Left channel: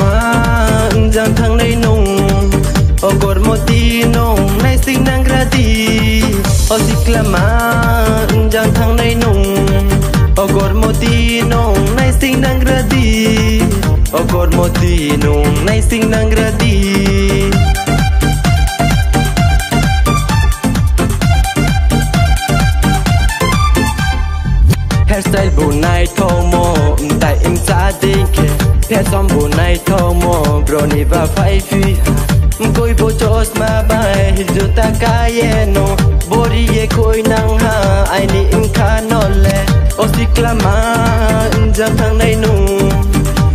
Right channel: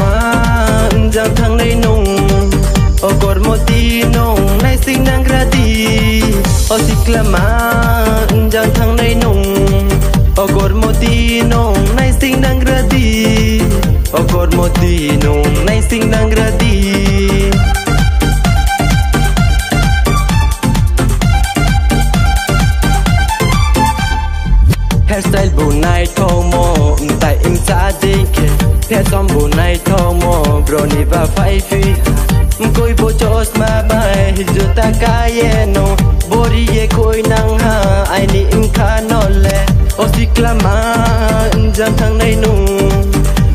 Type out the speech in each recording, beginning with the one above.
มาจังทางในนุ่งโอกอดโมตีนงในสิ่งนังกระดีโอสิกละมาจังทางในนุ่งโอกอดโมตีนงในสิ่งนังกระดีโอกอดโมตีนงในสิ่งนังกระดีแฮร์สไตล์บุญในทองโมแต่อิมซาดิงเคแฮร์ซอมบุญในทองโมโปรนิวาไฟฟีคุยโบจอสมาบายจุตากายเยโนบริเยคุยนังหาไอนี่อิมคานอลเลโอสิกลามาจังทางในนุ่ง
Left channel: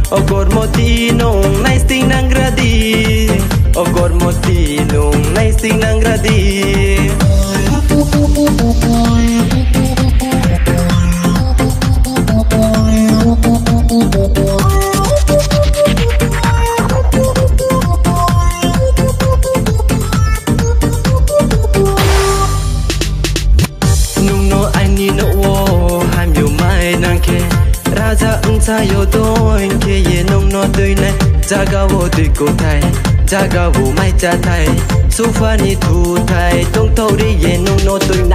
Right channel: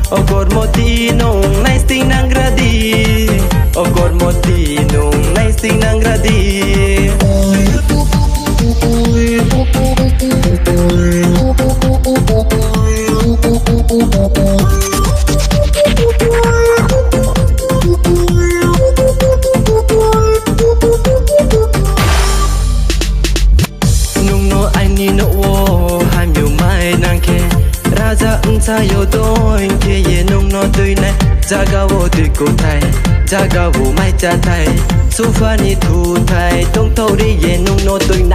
โอกอดโมตีนงในสิ่งนังกระดีโอกอดโมตีนงในสิ่งนังกระดีนุ่งโนไอนี่โนโวห้ามอยู่ไม่นางแค่ราชาอุนซาโยโตอินเคเยนุ่งโนตุยในจากาวตุยโกไทยจากาวไม่จะไทยสุฟานิทูไทยต้องเท่าได้เยนุ่งโนตุยใน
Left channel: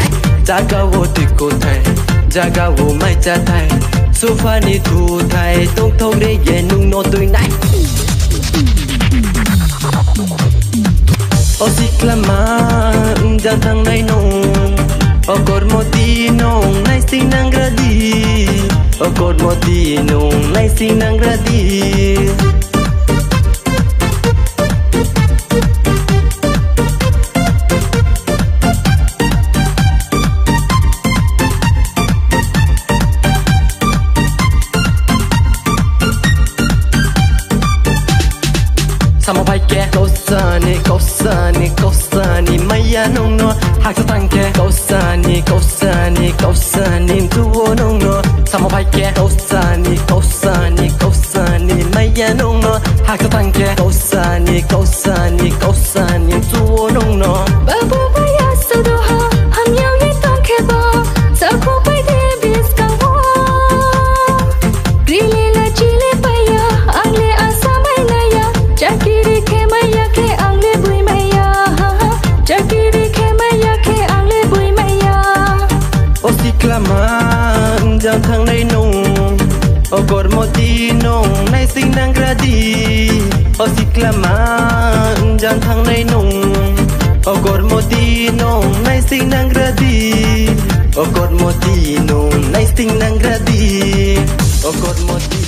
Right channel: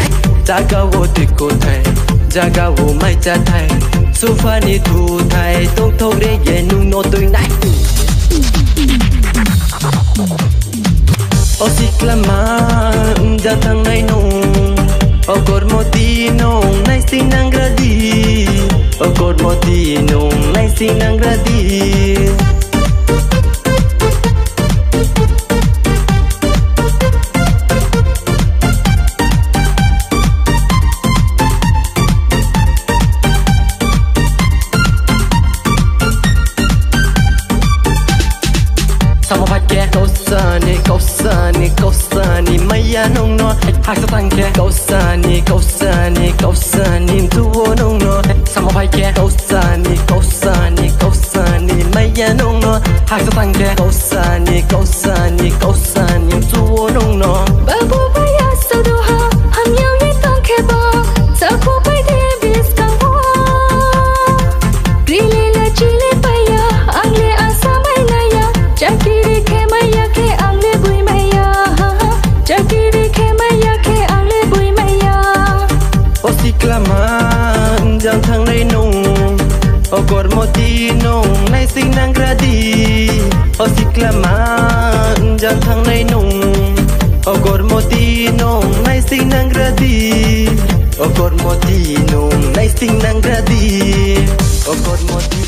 จากาวตุยโกไทยจากาวไม่จะไทยสุฟานิทูไทยต้องเท่าได้เยนุ่งโนตุยในโอสิกลามาจังทางในนุ่งโอกอดโมตีนงในสิ่งนังกระดีโอกอดโมตีนงในสิ่งนังกระดีKausani, kausani, kausani, maya nong no. Hakatangke. Kausani, kausani, kausani, tuwo nong no. Samohaike. Kausani, kausani, kausani, maya nong no. Hakatangke. Kausani, kausani, kausani, tuwo nong no. Babu baya sadoha, ham yau ye tong keba, saku pai de bis kawo. Grile la chile paya, angle asa mai naya, jakiri ke maya ke angle bui maya, jakiri ke maya ke angle bui maya. Osiklama jang thang nei nung, ogor moti nung nei sing nang gradi. Osiklama jang thang nei nung, ogor moti nung nei sing nang gradi. Ogor moti nung nei sing nang gradi. Ogor moti